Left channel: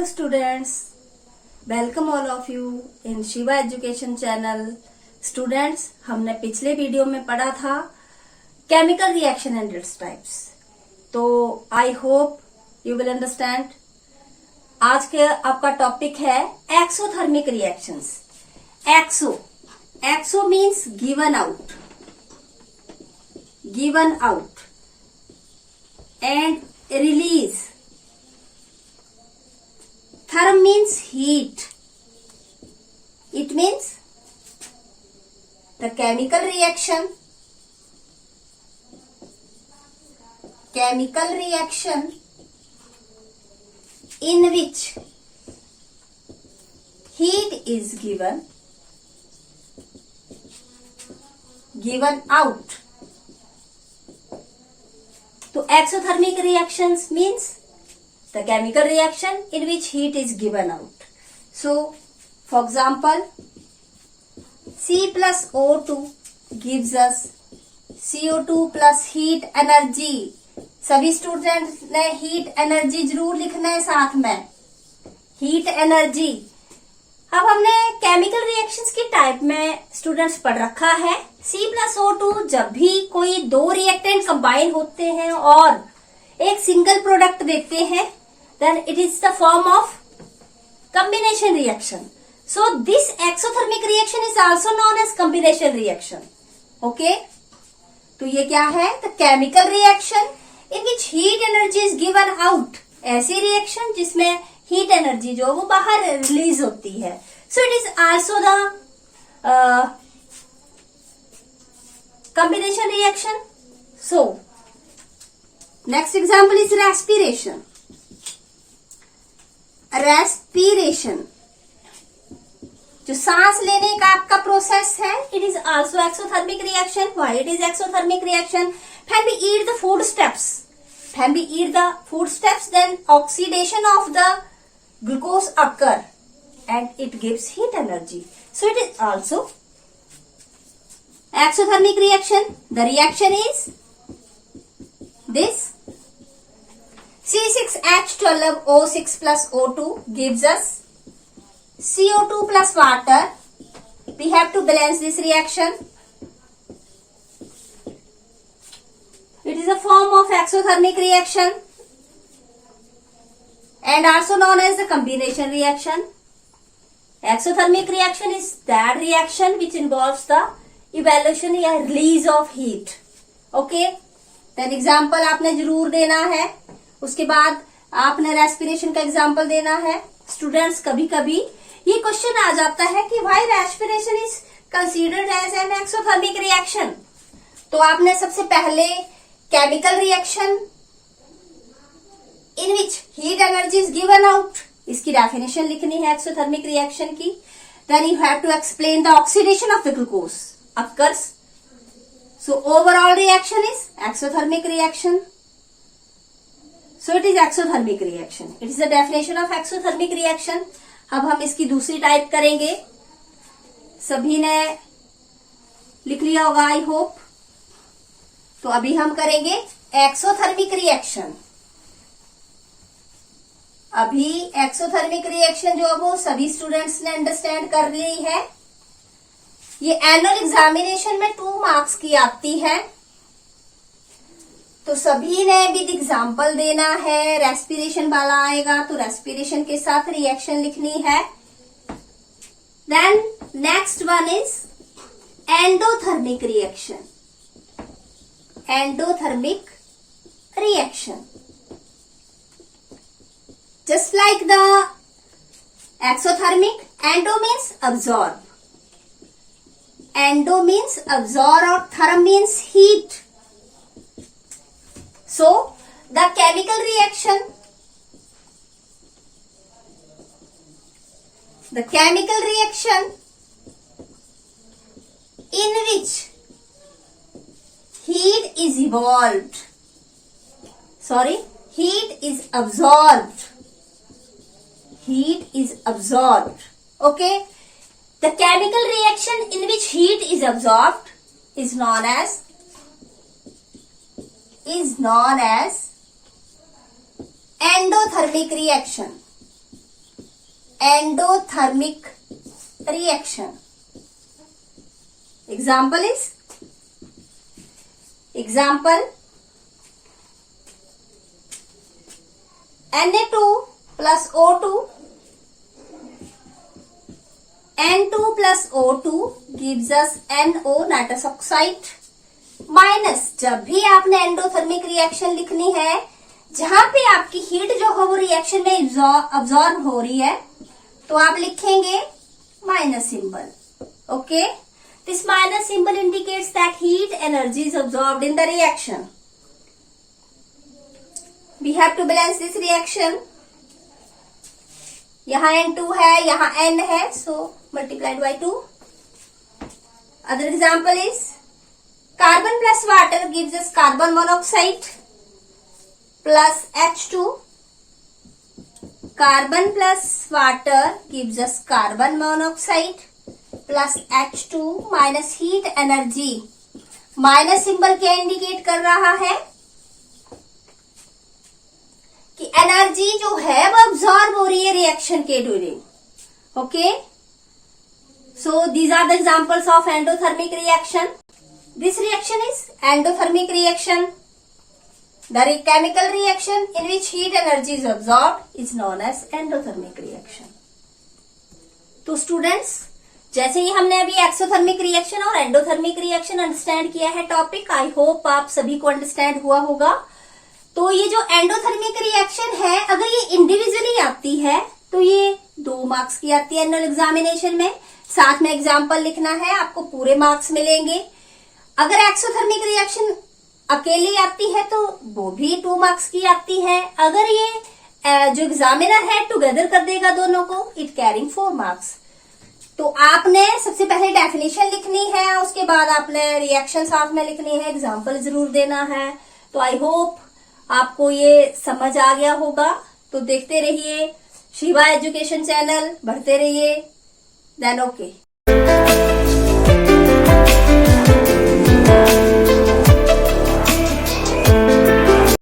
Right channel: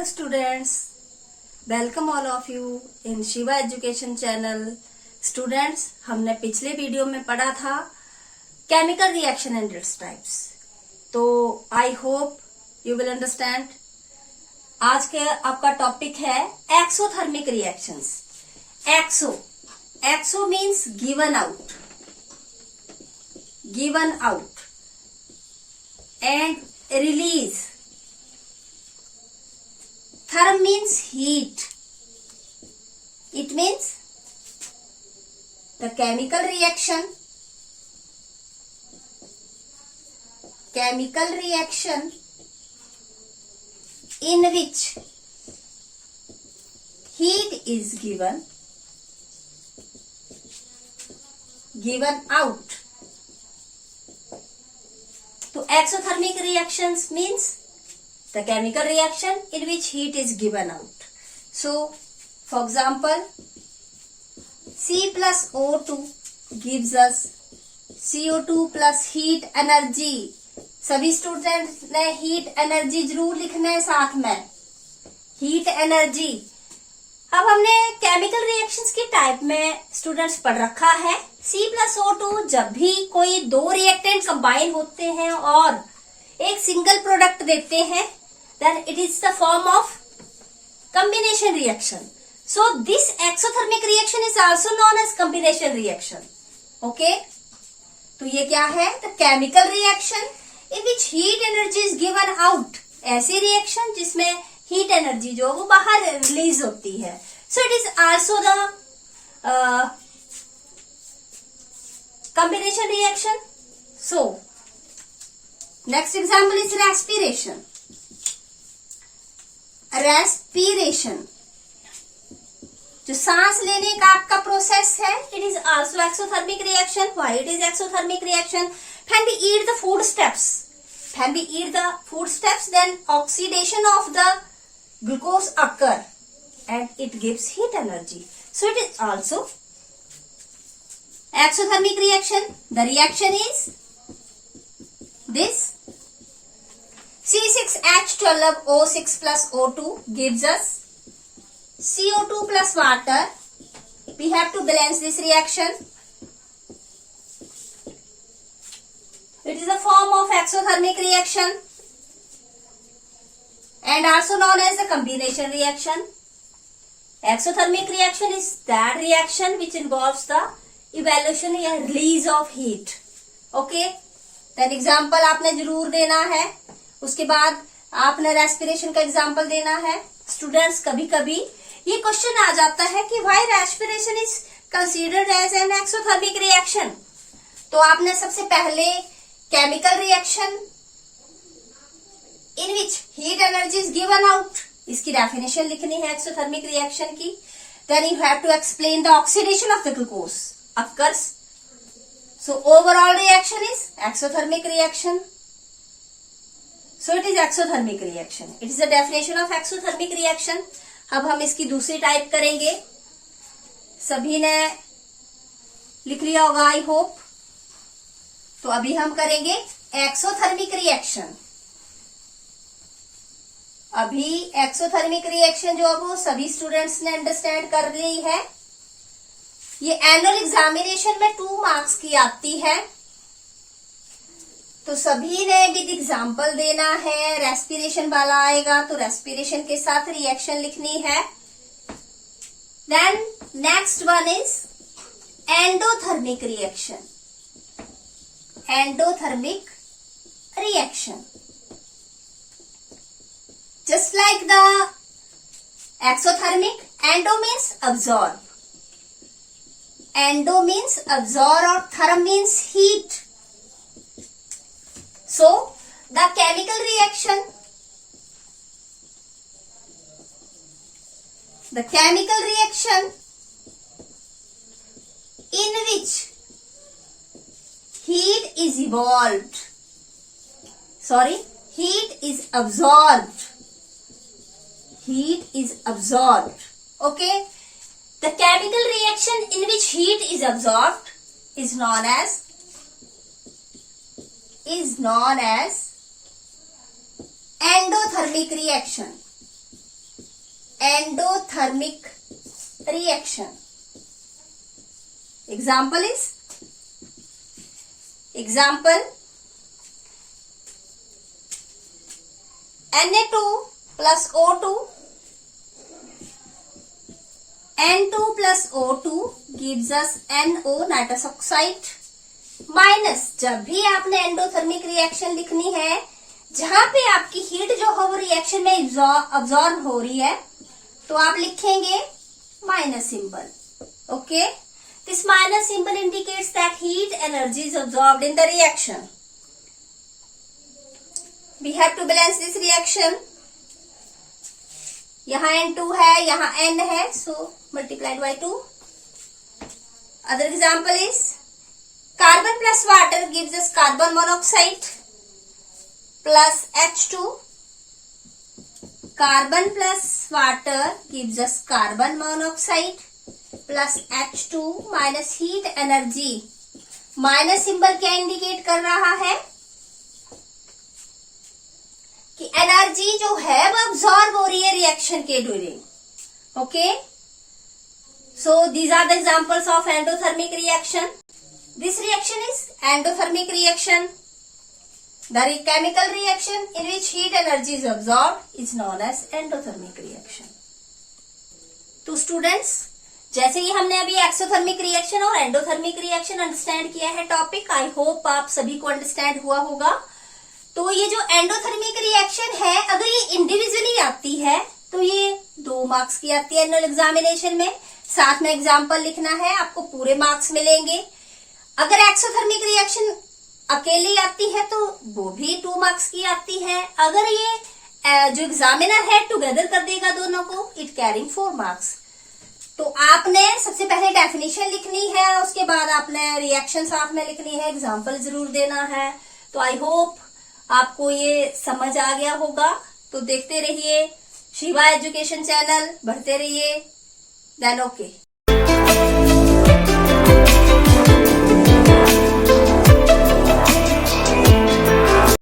Hello students, welcome all of you in Shiva education channel. Students, हमने पिछले video में पढ़ा था chemical reaction and its types, तो I hope you will understand. आज के आपका टॉपिक है exothermic reactions. Exo means given out and release. Therm means heat. It means the chemical reaction in which heat is given out. So exothermic reactions means the chemical reaction in which heat is given out. So, for example, C plus O2 gives us CO2 plus heat energy. सभी students ने heat energy जरूर लिखना है साथ में, heat energy. अब हमने chemical reactions की टाइप में स्टूडेंट्स पढ़ रखा है C plus O2 जब भी कोई दो रिएक्टेंट कंबाइन होते हैं और एक सिंगल प्रोडक्ट देते हैं, then it is the form of combination reaction. So this exothermic reaction is also known as combination reaction. Okay? तो ये क्या है? The chemical reaction in which heat energy is given out. ऐसी reaction जिसमें heat energy जो वो बाहर release होती है. So it is also the combination reaction. So next example is respiration. जो सांस लेने का आपका प्रोसेस है, it is also exothermic reaction. Why it is exothermic reaction? When we eat the foodstuffs then oxidation of the glucose occur and it gives heat energy. So it is also exothermic reaction. The reaction is this C6H12O6 plus O2 gives us CO2 plus water. We have to balance this reaction. It is a form of exothermic reaction and also known as the combination reaction. Exothermic reaction is that reaction which involves the evaluation or release of heat. Okay? Then example आपने जरूर देना है। उसके बाद आपने respiration का example देना है। स्टूडेंट्स, कभी कभी ये क्वेश्चन आ जाता है कि why respiration is considered as an exothermic reaction. तो आपने सबसे पहले chemical reaction in which heat energy is given out, इसकी डेफिनेशन लिखनी है एक्सोथर्मिक रिएक्शन की। Then you have to explain the oxidation of the glucose occurs. So overall reaction is exothermic reaction. So it is exothermic reaction. It is the definition of exothermic reaction. अब हम इसकी दूसरी type करेंगे। सभी ने लिख लिया होगा आई होप। तो अभी हम करेंगे एक्सोथर्मिक रिएक्शन। अभी एक्सोथर्मिक रिएक्शन जो वो सभी स्टूडेंट्स ने अंडरस्टैंड कर ली है। ये एनुअल एग्जामिनेशन में 2 मार्क्स की आती है, तो सभी ने विद एग्जाम्पल देना है। रेस्पिरेशन वाला आएगा तो रेस्पिरेशन के साथ रिएक्शन लिखनी है। Then next one is endothermic reaction. Endothermic reaction just like the exothermic, endo means absorb. Endo means absorb और therm means heat. So, the chemical reaction in which heat is absorbed. Okay? The chemical reaction in which heat is absorbed is known as endothermic reaction. endothermic reaction. Example Na2 plus O2. N2 plus O2 gives us NO nitrous oxide minus, जब भी आपने endothermic reaction लिखनी है जहां पे आपकी heat जो है वो रिएक्शन में अब्सॉर्ब हो रही है, तो आप लिखेंगे minus symbol. Okay, this minus symbol indicates that heat energy is absorbed in the reaction. We have to balance this reaction. यहां N2 है, यहां N है, so multiplied by 2. Other example is carbon plus water gives us carbon monoxide plus H2. Carbon plus water gives us carbon monoxide plus H2 minus heat energy. Minus symbol क्या indicate कर रहा है कि energy जो है वो absorb हो रही है रिएक्शन के during. Okay, so these are the examples of endothermic reaction. This reaction is endothermic reaction. The chemical reaction in which heat energy is absorbed is known as endothermic reaction. तो students, जैसे ही हमने अभी exothermic reaction और endothermic reaction understand किया है topic, I hope आप सभी को अंडरस्टैंड हुआ होगा. तो ये जो एंडोथर्मिक रिएक्शन है, अगर ये इंडिविजुअली आती है तो ये 2 मार्क्स की आती है एनुअल एग्जामिनेशन में. साथ में एग्जाम्पल लिखना है, आपको पूरे मार्क्स मिलेंगे. अगर एक्सोथर्मिक रिएक्शन अकेली आती है तो वो भी 2 मार्क्स की आती है. अगर ये जो एग्जामिनर है टुगेदर कर देगा दोनों को, इट कैरिंग 4 मार्क्स. तो आपने सबसे पहले डेफिनेशन लिखनी है, उसके बाद आपने रिएक्शन साथ में लिखनी है, एग्जाम्पल जरूर देना है. तो आई होप आपको ये समझ आ गया होगा. तो देखते रहिए शिवा एजुकेशन चैनल, बढ़ते रहिए. Then okay.